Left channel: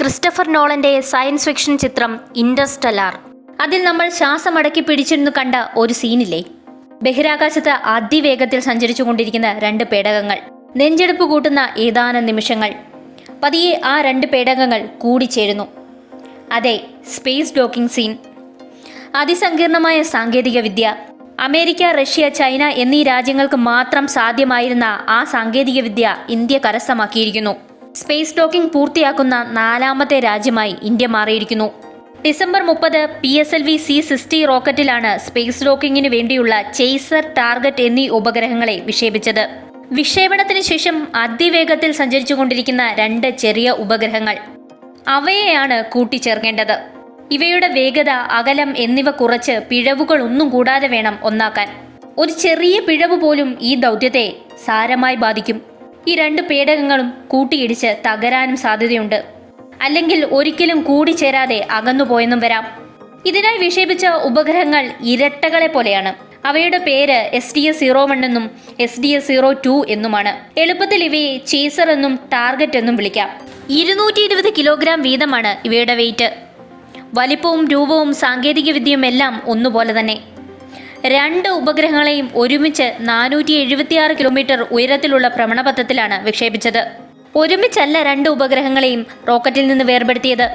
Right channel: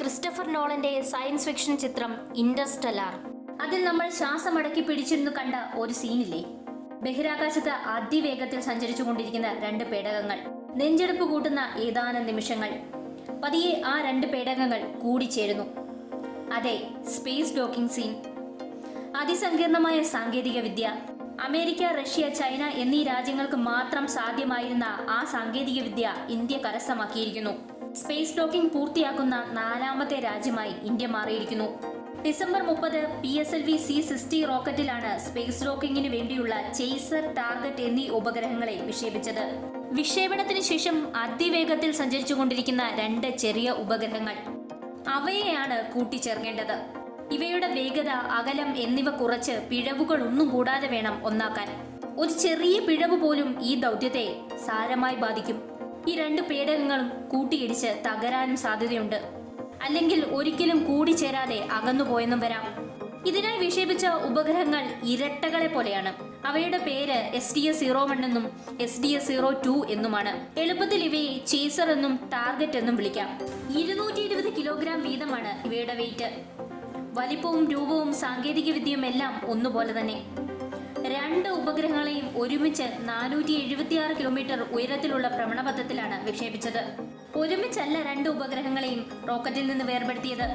Christopher നോളന്റെ science fiction ചിത്രം Interstellar. അതിൽ നമ്മൾ ശ്വാസമടക്കി പിടിച്ചിരുന്നു കണ്ട ഒരു സീനില്ലേ? ബഹിരാകാശത്ത് അതിവേഗത്തിൽ സഞ്ചരിച്ചു കൊണ്ടിരിക്കുന്ന രണ്ട് പേടകങ്ങൾ. നെഞ്ചെടുപ്പ് കൂട്ടുന്ന ഏതാനും നിമിഷങ്ങൾ. പതിയെ ആ രണ്ട് പേടകങ്ങൾ കൂടിച്ചേരുന്നു. അതെ സ്പേസ് ഡോക്കിംഗ് സീൻ. അതിസങ്കീർണമായ സാങ്കേതിക വിദ്യ അമേരിക്ക റഷ്യ ചൈന എന്നീ രാജ്യങ്ങൾക്ക് മാത്രം സാധ്യമായിരുന്ന ആ സാങ്കേതിക വിദ്യ ഇന്ത്യ കരസ്ഥമാക്കിയിരിക്കുന്നു. സ്പേസ് ഡോക്കിംഗ് പൂർത്തിയാക്കുന്ന നാലാമത്തെ രാജ്യമായി ഇന്ത്യ മാറിയിരിക്കുന്നു. ഡിസംബർ മുപ്പത് P S L V C sixty റോക്കറ്റിലാണ് space ഡോക്കിങ്ങിന് വേണ്ടിയുള്ള ചേസർ ടാർഗറ്റ് എന്നീ ഉപഗ്രഹങ്ങളെ വിക്ഷേപിച്ചത്. വിക്ഷേപണത്തിന് ശേഷം അതിവേഗത്തിൽ സഞ്ചരിച്ചുകൊണ്ടിരിക്കുന്ന രണ്ട് ചെറിയ ഉപഗ്രഹങ്ങൾ. അവയെയാണ് കൂട്ടിച്ചേർക്കേണ്ടത്. ഇവയുടെ വേഗത അകലം എന്നിവ കുറച്ച് പിഴവുകൾ ഒന്നും കൂടാതെ വേണം ഒന്നാക്കാൻ. ഒരു ചെറിയ പിഴവ് പോലും ഈ ദൗത്യത്തെ സാരമായി ബാധിക്കും. ഈ രണ്ട് പേടകങ്ങളും കൂട്ടിയിടിച്ച് തകരാനും സാധ്യതയുണ്ട്. അല്ലെങ്കിൽ ഒരിക്കലും കൂടിച്ചേരാതെ അകന്നുപോയെന്നും വരാം. ഇതിനായി വിക്ഷേപിച്ച ഉപഗ്രഹങ്ങൾ ഇരട്ടകളെ പോലെയാണ്. അവയുടെ പേര് S D S zero one എന്നും S D S zero two എന്നുമാണ്. എളുപ്പത്തിൽ ഇവയെ ചേസർ എന്നും ടാർഗറ്റ് എന്നും വിളിക്കാം. ഇരുന്നൂറ്റി ഇരുപത് കിലോഗ്രാം വീതമാണ് ഇവയുടെ വെയിറ്റ് വലിപ്പവും രൂപവും സാങ്കേതിക വിദ്യയും എല്ലാം ഒന്നുപോലെ തന്നെ. രണ്ട് ഉപഗ്രഹങ്ങളെയും ഒരുമിച്ച് നാനൂറ്റി എഴുപത്തിയാറ് കിലോമീറ്റർ ഉയരത്തിലുള്ള ഭ്രമണപഥത്തിലാണ് വിക്ഷേപിച്ചത്. ഒരുമിച്ചല്ല രണ്ട് ഉപഗ്രഹങ്ങളെയും റോക്കറ്റിൽ നിന്ന് വേർപെടുത്തിയത്.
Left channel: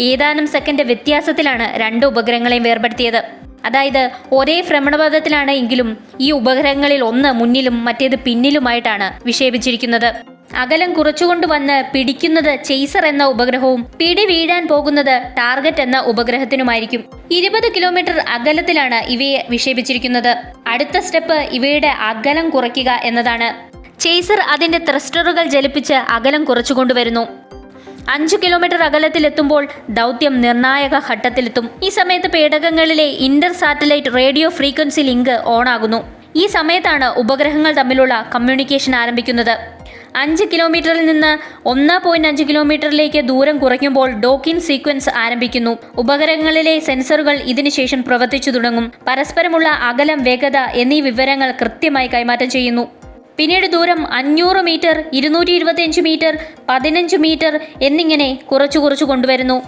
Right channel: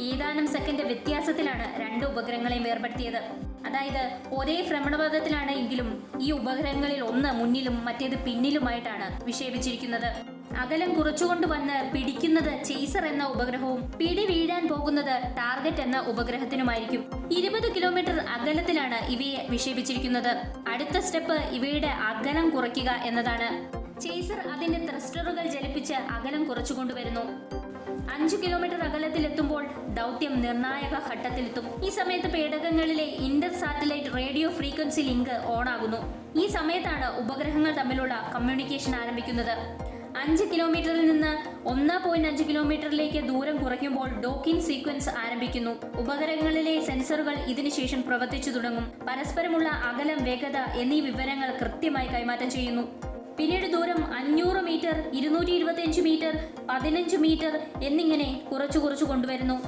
ഏതാനും സെക്കൻഡ് വ്യത്യാസത്തിലാണ് രണ്ട് ഉപഗ്രഹങ്ങളെയും വേർപെടുത്തിയത്. അതായത് ഒരേ ഭ്രമണപഥത്തിലാണ് എങ്കിലും ഈ ഉപഗ്രഹങ്ങളിൽ ഒന്ന് മുന്നിലും മറ്റേത് പിന്നിലുമായിട്ടാണ് വിക്ഷേപിച്ചിരിക്കുന്നത്. അകലം കുറച്ചുകൊണ്ട് വന്ന് പിടിക്കുന്നത് ചെയ്സർ എന്ന ഉപഗ്രഹവും പിടി വീഴാൻ പോകുന്നത് ടാർഗറ്റ് എന്ന ഉപഗ്രഹത്തിനുമായിരിക്കും. ഇരുപത് കിലോമീറ്റർ അകലത്തിലാണ് ഇവയെ വിക്ഷേപിച്ചിരിക്കുന്നത്. അടുത്ത സ്റ്റെപ്പ് ഇവയുടെ അകലം കുറയ്ക്കുക എന്നതാണ്. ചെയ്സർ അതിന്റെ ത്രസ്റ്ററുകൾ ജലിപ്പിച്ച് അകലം കുറച്ചുകൊണ്ടുവരുന്നു അഞ്ചു കിലോമീറ്റർ അകലത്തിലെത്തുമ്പോൾ ദൗത്യം നിർണായക ഘട്ടത്തിലെത്തും. ഈ സമയത്ത് പേടകങ്ങളിലെ inter satellite radio frequency link ഓണാകുന്നു ഈ സമയത്താണ് ഉപഗ്രഹങ്ങൾ തമ്മിലുള്ള കമ്മ്യൂണിക്കേഷൻ ആരംഭിക്കുന്നത്. അഞ്ച് കിലോമീറ്ററിൽ നിന്ന് ഒന്ന് പോയിന്റ് അഞ്ച് കിലോമീറ്ററിലേക്ക് ദൂരം കുറയ്ക്കുമ്പോൾ ഡോക്കിംഗ് സീക്വൻസ് ആരംഭിക്കുന്നു. ഉപകരണങ്ങളിലെ സെൻസറുകൾ ഇതിനുശേഷം പ്രവർത്തിച്ചു തുടങ്ങും. പരസ്പരമുള്ള അകലം വേഗത എന്നീ വിവരങ്ങൾ കൃത്യമായി കൈമാറ്റം ചെയ്യുന്നു. പിന്നീട് ദൂരം അഞ്ഞൂറ് മീറ്റർ ഇരുന്നൂറ്റി ഇരുപത്തിയഞ്ച് മീറ്റർ പതിനഞ്ച് മീറ്റർ എന്നിങ്ങനെ കുറച്ചു കുറച്ചു കൊണ്ടുവരുന്നു.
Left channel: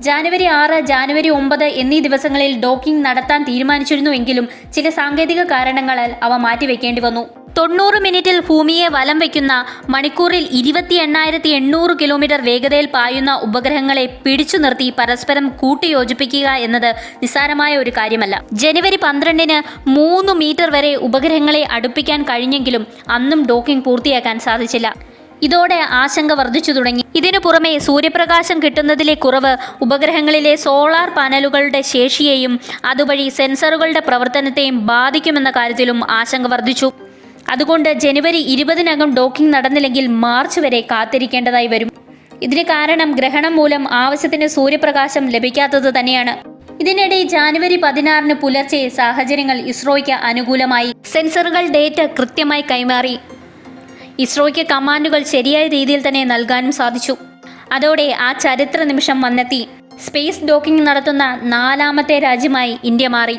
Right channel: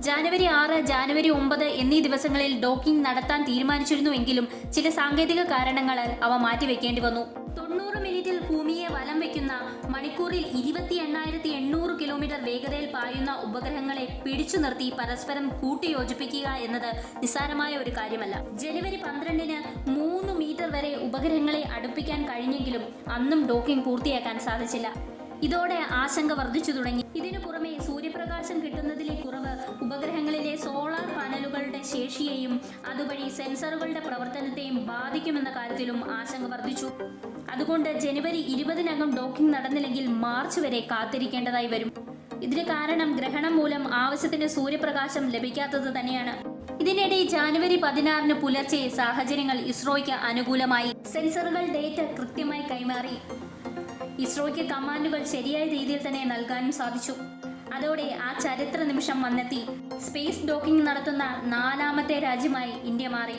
ജാനുവരി ആറ് ജാനുവരി ഒമ്പത് എന്നീ ദിവസങ്ങളിൽ ഡോക്കിംഗ് നടത്താൻ തീരുമാനിച്ചിരുന്നുവെങ്കിലും ചില സാങ്കേതിക കാരണങ്ങളാൽ അവ മാറ്റിവെക്കേണ്ടി വന്നു. തൊണ്ണൂറ് മിനിറ്റിൽ ഭൂമിയെ വലം വയ്ക്കുന്ന മണിക്കൂറിൽ ഇരുപത്തി എണ്ണായിരത്തി എണ്ണൂറ് കിലോമീറ്റർ വേഗതയിൽ പായുന്ന ഉപഗ്രഹങ്ങളെ പിടിച്ചു നിർത്തി പരസ്പരം കൂട്ടിയോജിപ്പിക്കുക എന്നത് നിസ്സാരമായ ഒരു കാര്യമല്ല. ജനുവരി പന്ത്രണ്ടിന് മൂന്ന് മീറ്റർ വരെ ഉപഗ്രഹങ്ങളെ അടുപ്പിക്കാൻ കഴിഞ്ഞെങ്കിലും അന്നും ഡോക്കിംഗ് പൂർത്തിയാക്കാൻ സാധിച്ചില്ല. ഇതോടെ ആശങ്ക വർദ്ധിച്ചു തുടങ്ങി. ഇതിനു പുറമെ സൂര്യപ്രകാശം കിട്ടുന്നതിലെ കുറവ് ഉപഗ്രഹങ്ങളിലെ സോളാർ പാനലുകളുടെ ശേഷിയെയും അതുവഴി സെൻസറുകളുടെ പ്രവർത്തനത്തെയും ബാധിക്കുമെന്ന കാര്യത്തിലും ആശങ്ക വർദ്ധിച്ചു. അതുകൊണ്ട് ജനുവരി ഇരുപതിനകം ഡോക്കിംഗ് നടന്നില്ലെങ്കിൽ മാർച്ച് വരെ കാത്തിരിക്കേണ്ടതായി വരും. ഇതിന് കാരണം ഗ്രഹണം മൂലം ആവശ്യത്തിന് സൂര്യപ്രകാശം ലഭിക്കാത്തത് തന്നെയാണ്. ഇതിനിടെ ജാനുവരി പതിനാറിന് പുലർച്ചെ സാഹചര്യങ്ങൾ ഇസ്രോയ്ക്ക് അനുകൂലമായി. സെൻസറുകൾ ഡേറ്റ കൃത്യമായി കൈമാറി. ഇസ്രോയ്ക്ക് കമാൻഡുകൾ ശരിയായ രീതിയിൽ തന്നെ നൽകാനും സാധിച്ചു. അതോടെ ആ ചരിത്ര നിമിഷം വന്നെത്തി. സ്പേസ് ഡോക്കിംഗ് നടത്തുന്ന നാലാമത്തെ രാജ്യമായി ഇന്ത്യ മാറി.